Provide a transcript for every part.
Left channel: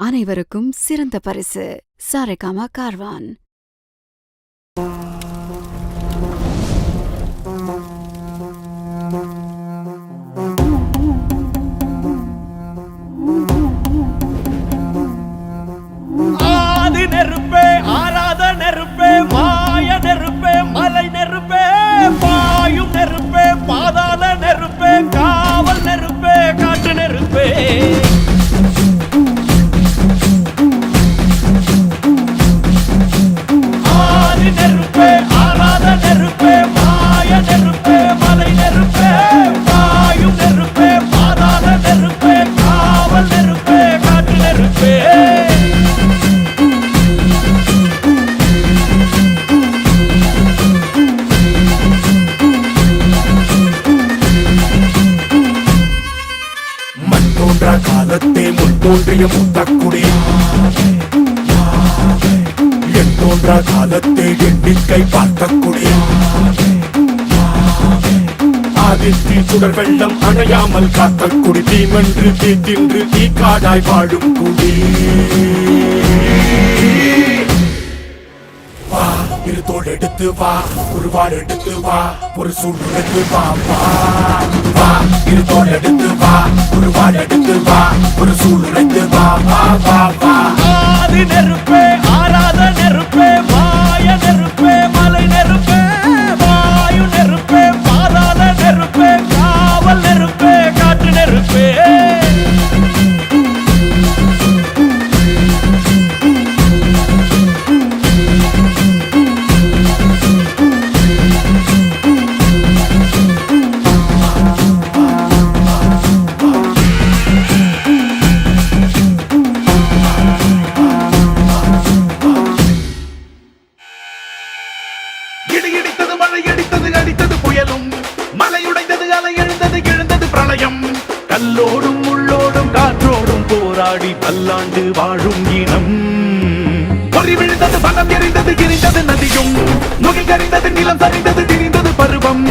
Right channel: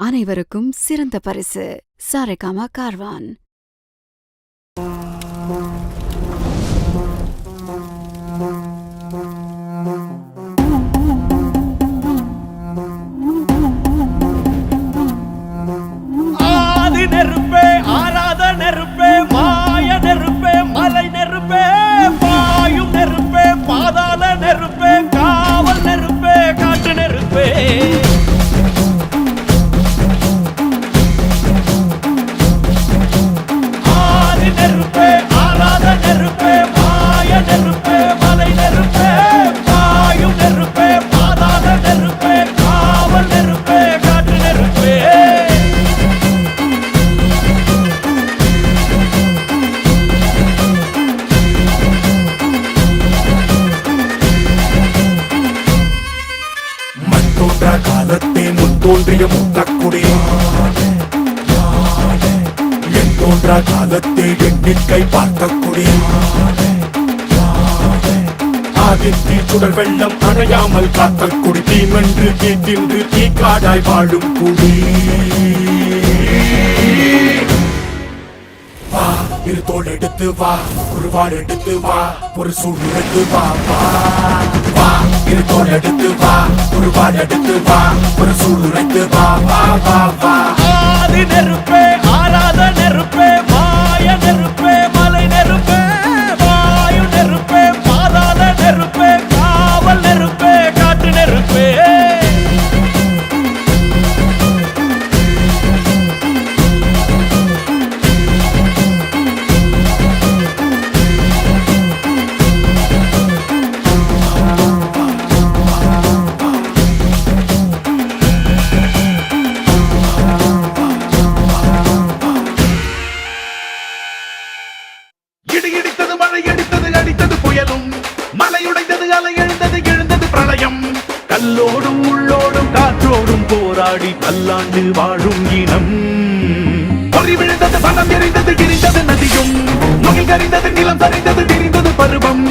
அனைவருக்கும் சிறந்த பரிசு சாரேகாமா கார்வான். ஆதி நெருப்பே, ஆராத நெருப்பே, மாய நெருப்பே, மலை நெருப்பே, பாயும் நெருப்பே, பாதாள நெருப்பே, காவல் நெருப்பே, காற்று நெருப்பே. ஆதி நெருப்பே, ஆராத நெருப்பே, மாய நெருப்பே, மலை நெருப்பே, பாயும் நெருப்பே, பாதாள நெருப்பே, காவல் நெருப்பே, காற்று நெருப்பே. காலத்தே முன் தோன்றிய மூத்தக்குடி என் தோன்றா காலத்தே எண்ணிக்கை பார்த்த குடி ஆதித்தி சுடர் வெள்ளம் அணையாமல் காத்த குடி தீமென்று தீ தின்று தீ காடாய் வாழும் குடி வா இரு தோள் எடுத்து வா ஒரு வாள் எடுத்து வா ஒரு சூழ் எடுத்து வா வா வா இரு தோள் எடுத்து வா ஒரு வாள் எடுத்து வா ஒரு சூழ் உரைத்து வா வா வா வா. ஆதி நெருப்பே, ஆராத நெருப்பே, மாய நெருப்பே, மலை நெருப்பே, வாயு நெருப்பே, பாதாள நெருப்பே, காவல் நெருப்பே, காற்று நெருப்பே. இடி இடித்தது மழை அடித்தது அடித்தது புயலும் மலை உடைந்தது அலை எழுந்தது எழுந்தது பிரளயம் கல்லோடும் உள்ளோடும் காற்றோடும் போராடி பல்லாண்டு வாழும் இனம் பொறி விழுந்தது பணம் எரிந்தது எரிந்தது நதியும் முகில் கரிந்தது நிலம் சரிந்தது திரிந்தது பருவம்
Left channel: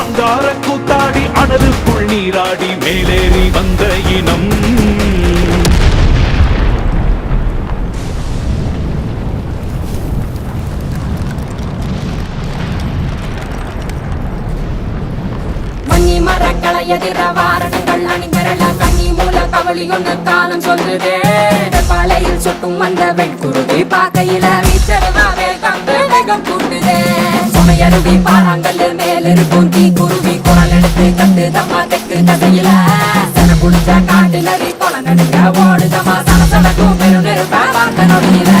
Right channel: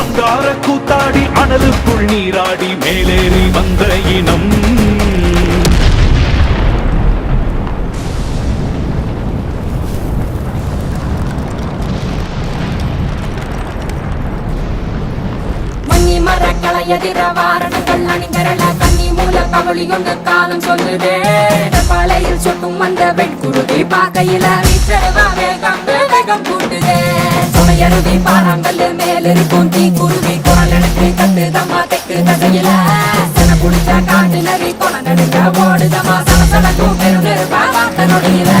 அங்கார கூத்தாடி அனலுக்குள் நீராடி மேலேறி வந்த இனம் மரக்களை எதிர வாரணங்கள் அணிந்தரள கண்ணி மூல கவளி ஒன்று காலம் சொல்லுதே பழையில் சுட்டும் வந்த வெண்குருதி பாக்கையில வீச்சருவா வேகம் வேகம் கூட்டுதே சுமையருவி பாறாங்கல் மேலிருக்கும் தீ குருவி குரல் எடுத்து கட்டு தம்மா தெக்கு தசையில சென குடிச்ச காட்டு நரி கொலை நடுங்க ஓடுதமா சனசனக்கும் பெரும் நெருப்பா பார்த்த நொடியில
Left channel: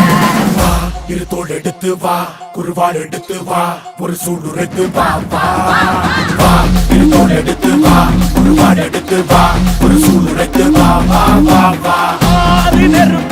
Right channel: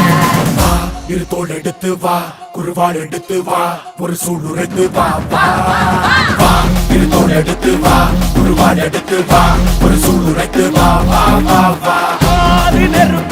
இரு தோள் எடுத்து வா குருவாள் எடுத்து வா ஒரு சூழ் உரைத்து வா வா வா இரு தோள் எடுத்து வா குருவாள் எடுத்து வா ஒரு சூழ் உரைத்து வா வா வா வா. ஆதி நெருப்பே,